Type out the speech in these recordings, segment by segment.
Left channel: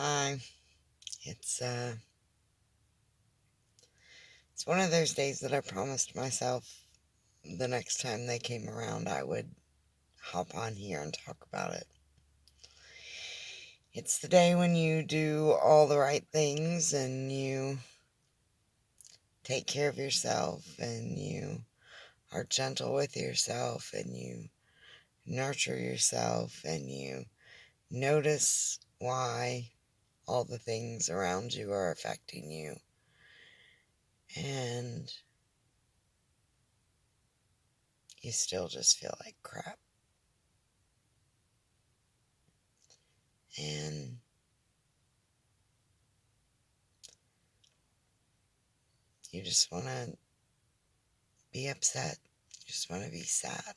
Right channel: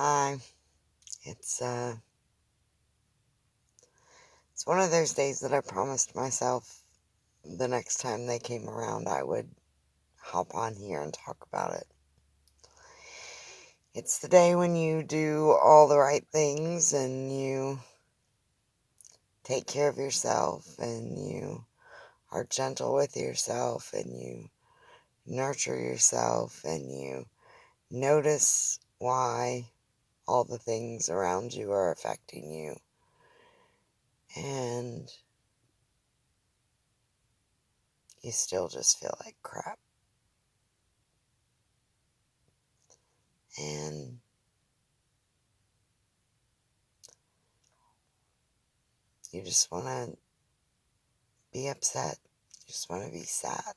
Hi. It's uh it's one of those days that I promised myself the next time they came around I would hop on here and talk about it. It's the day when you do all the right things and you take care of yourself and you are gentle with yourself and you nurture yourself and you notice why all the things around you are affecting you. And you still just feel like crap. And you just want to be upset. You just want to be sad.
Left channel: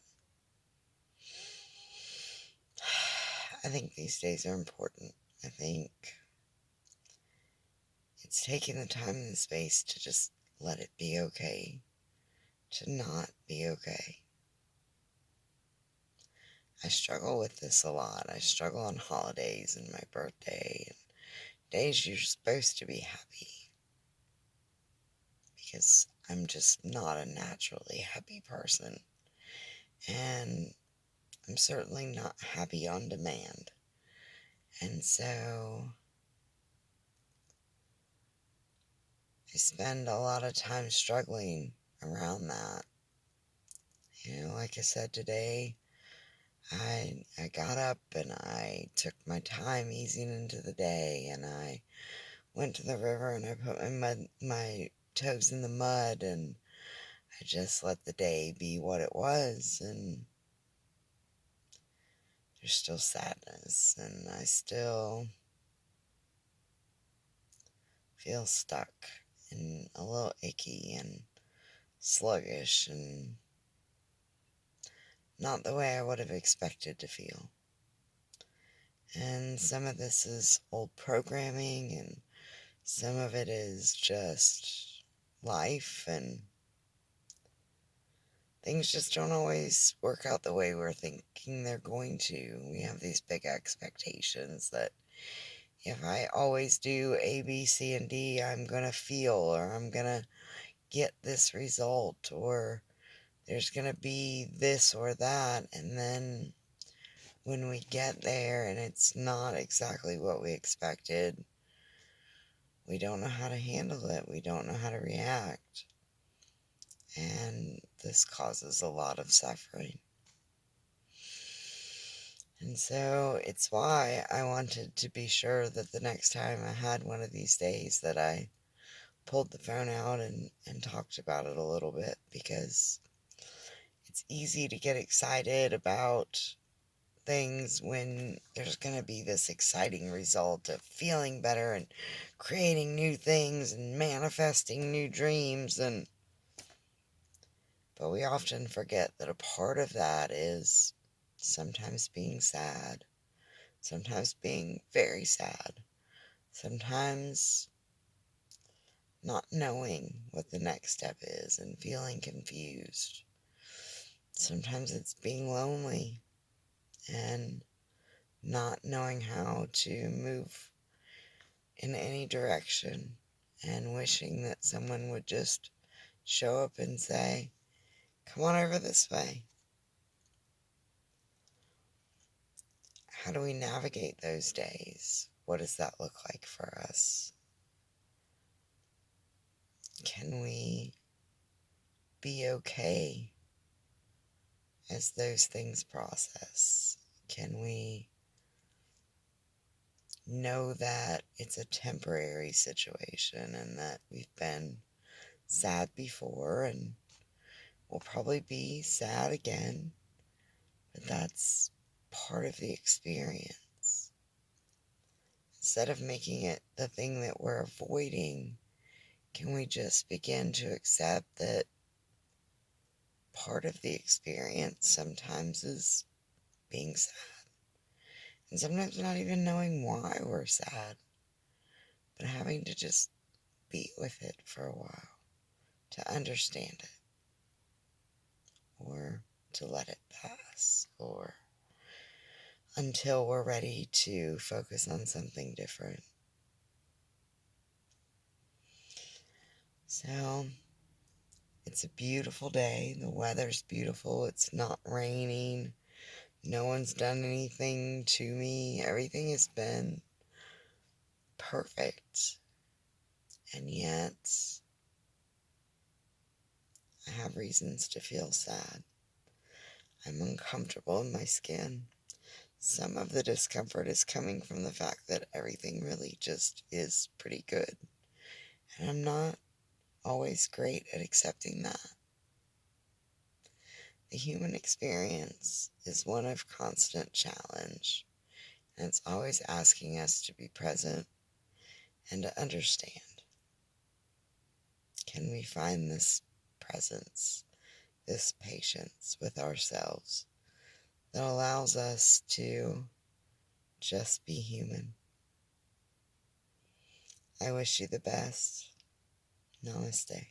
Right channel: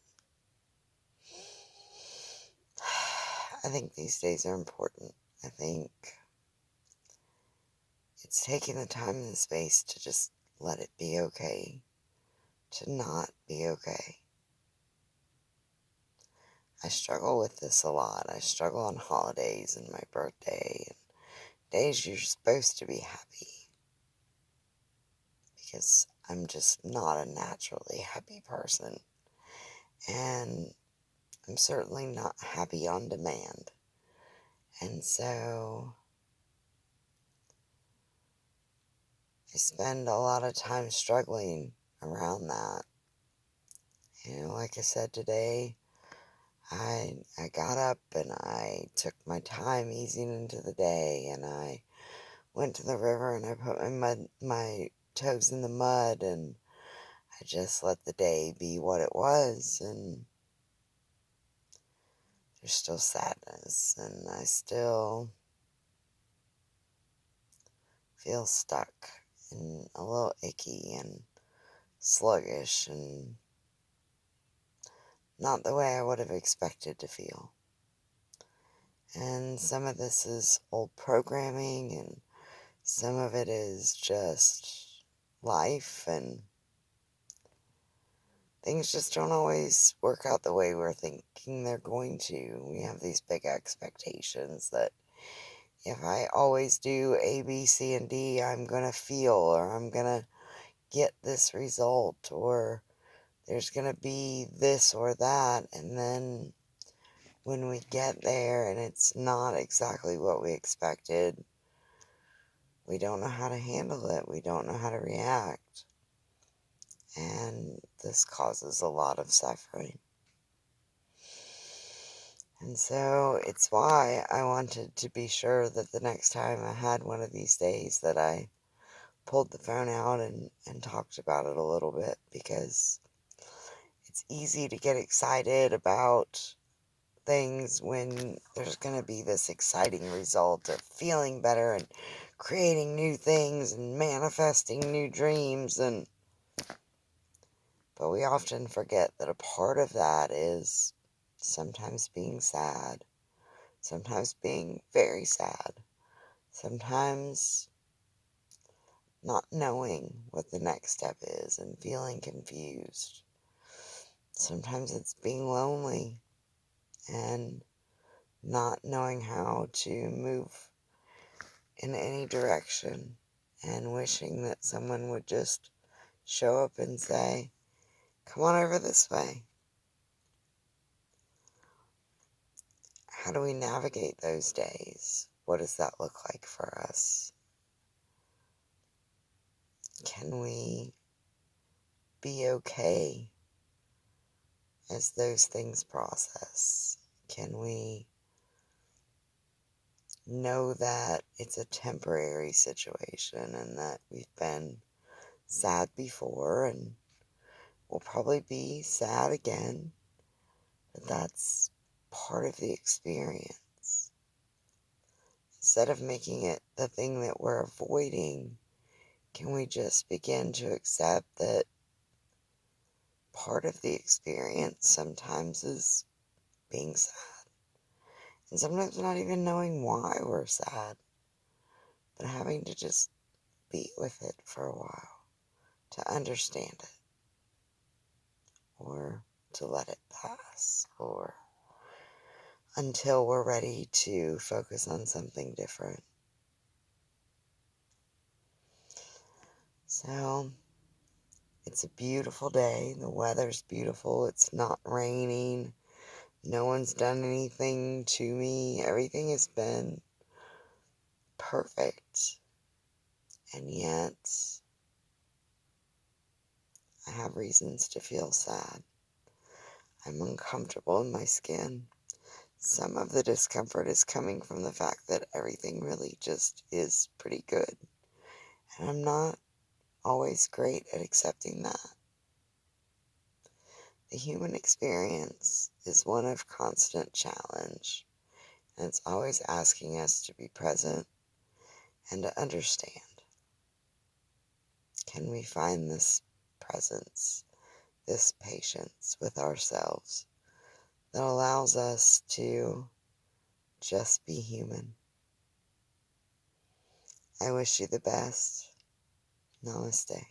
I think these days are important. I think it's taking the time and the space to just let it be okay, to not be okay. I struggle with this a lot. I struggle on holidays and my birthday and days you're supposed to be happy because I'm just not a naturally happy person. And I'm certainly not happy on demand. And so I spend a lot of time struggling around that. Like I said today, I got up and I took my time easing into the day and I went to the river and I put my toes in the mud and I just let the day be what it was. And there's still sadness and I still feel stuck and a little icky and sluggish and not the way I would have expected to feel. And some of this is old programming, and some of it is just life, and things just don't always work out the way we're thinking they're going to. We have these big expectations that if I always do A, B, C, and D, I'm going to feel, or I'm going to get this result, or there's going to be this or that, and then when we get there and it's not exactly what we expected, we don't know how to handle it. We don't know how to react. And this causes a lot of suffering. And so it's why I wanted to be sure that the next time I had one of these days that I pulled the phone out and talked about it a little bit, because it's easy to get excited about things when there's going to be this exciting result of feeling better and creating new things and manifesting new dreams. But we often forget that a part of that is sometimes being sad, sometimes being very sad, sometimes not knowing what the next step is and feeling confused. Sometimes it's being lonely and not knowing how to move in any direction and wishing that someone would just show up and say, "Come on over this way." How do we navigate those days? What does that look like for us? Can we be okay as those things process? Can we know that it's a temporary situation and that we've been sad before and we'll probably be sad again, but that's part of the experience? Instead of making it the thing that we're avoiding, can we just begin to accept that part of the experience sometimes is being sad? And sometimes not even knowing why we're sad, but having to just be with it for a while to understand it, or to let it pass, or until we're ready to focus on something different. So, it's a beautiful day. The weather's beautiful. It's not raining. No one's done anything to me. Everything has been perfect. And yet, I have reasons to feel sad. I'm uncomfortable in my skin. Some of the discomfort is coming from the fact that everything really just is pretty good. And I'm not always great at accepting that. The human experience is one of constant challenge, and it's always asking us to be present and to understand. Can we find this presence, this patience with ourselves that allows us to just be human? I wish you the best. Namaste.